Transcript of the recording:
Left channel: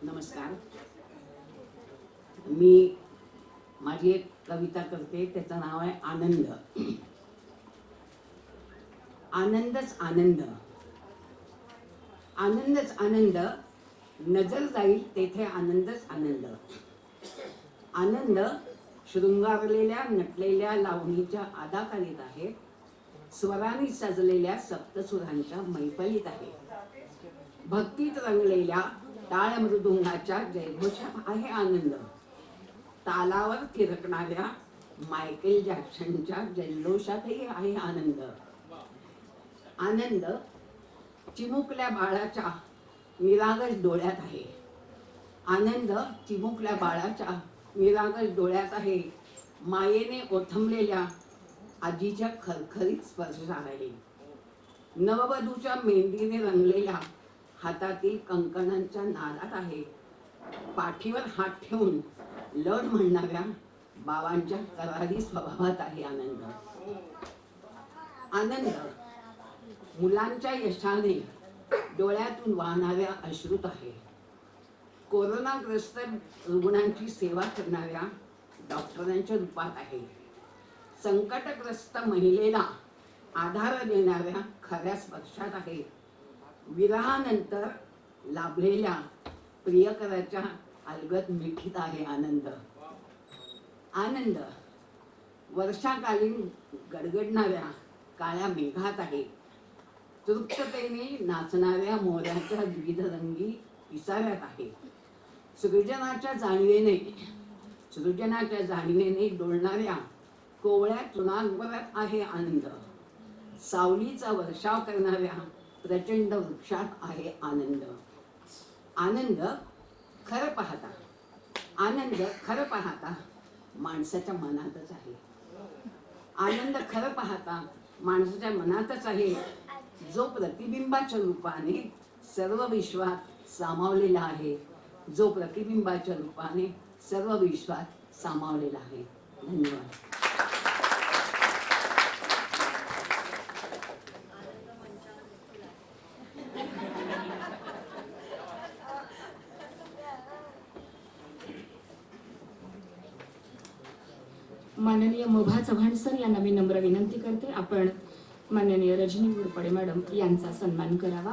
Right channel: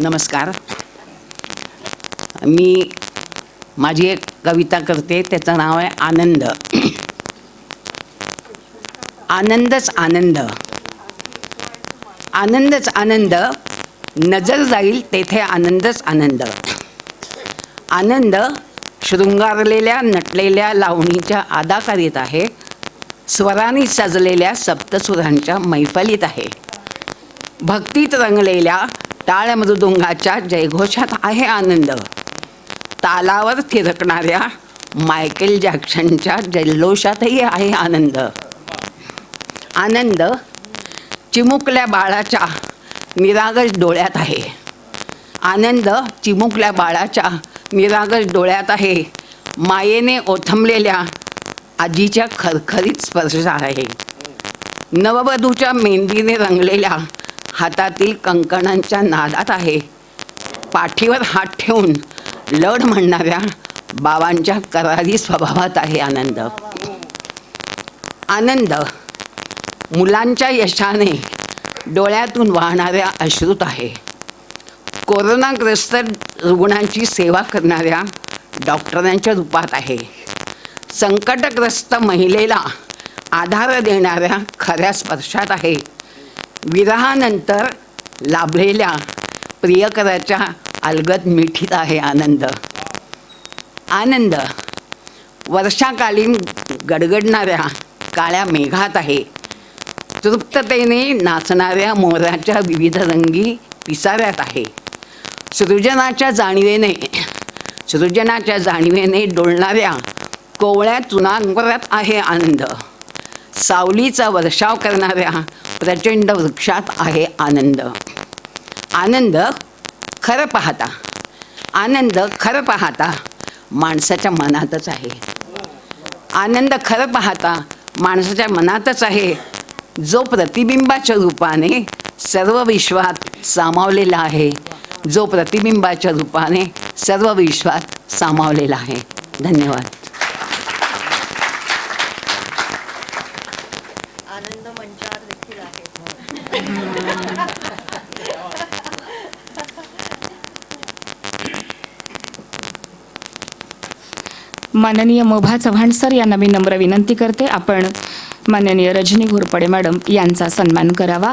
नमस्कार. मी माझी एक कविता करते त्याचं नाव आहे आनंद. आनंदच आनंद. आनंदच आनंद नजर जाईल तेथे आनंदच आनंद. आनंद शृंगारलेल्या नटलेल्या लावणीच्या आदाकारीत आहे. स्वरांनी सजलेल्या सप्तसुरांच्या मैफलीत आहे. भक्तीत रंगलेल्या टाळ मृदुंगाच्या जयघोषात आहे आनंद. तालावर थिरकणाऱ्या मायकेल जॅक्सनच्या जल्लोषातही आहे आनंद. आनंद चिमुकल्या बाळाच्या निरागस डोळ्यात आहे. आनंद चिमुकल्या बाळाच्या निरागस डोळ्यात आहे. मायेने ओथंबलेल्या आजीच्या खरखरीत स्पर्शात आहे. नववधूच्या मेहंदीने रंगलेल्या हातातील कंकणांच्या नादात आहे. पाठीवर हात ठेवून लढ म्हणणाऱ्या बाबांच्या करारी स्वभावात आहे आनंद. आनंद मुलांच्या यशाने डोळ्यातून वाहणाऱ्या अश्रूत आहे. कोरोनाग्रस्त रुग्णांची सेवा करणाऱ्या डॉक्टरांच्या रूपात आहे. संकटग्रस्त महिलेला आधार देणाऱ्या खऱ्या स्पर्शात आहे. विरहानंतर लाभलेल्या प्रियकराच्या अलगद मिठीत आहे आनंद. आनंद वर्षाकालीन गडगडणाऱ्या काळ्या मेघात आहे. तृप्ततेने नाचणाऱ्या मोराच्या विविध रंगी पिसाऱ्यात आहे. सृजनाच्या जाणीवेने सृजनाच्या जाणीवेने डोलणाऱ्या कोवळ्या चुनांवरात आहे आनंद. सावलीचा वर्षाव करणाऱ्या प्रचंड वृक्षात आहे आनंद. आनंद खरं पाहता. आनंद खरं पाहता माणसाच्या मनातच आहे. आनंद खरं पाहता माणसाच्या मनातच आहे. जो प्रतिबिंबाच्या रूपाने सर्व विश्वात सामावलेला आहे. जो प्रतिबिंबाच्या रूपाने सर्व विश्वात सामावलेला आहे. धन्यवाद. माननीय मोभा चव्हाण सर यांना मी नम्र विनंती करते. आपण माननीय रजनी घोरपडे मॅडम यांचा सन्मान करावा.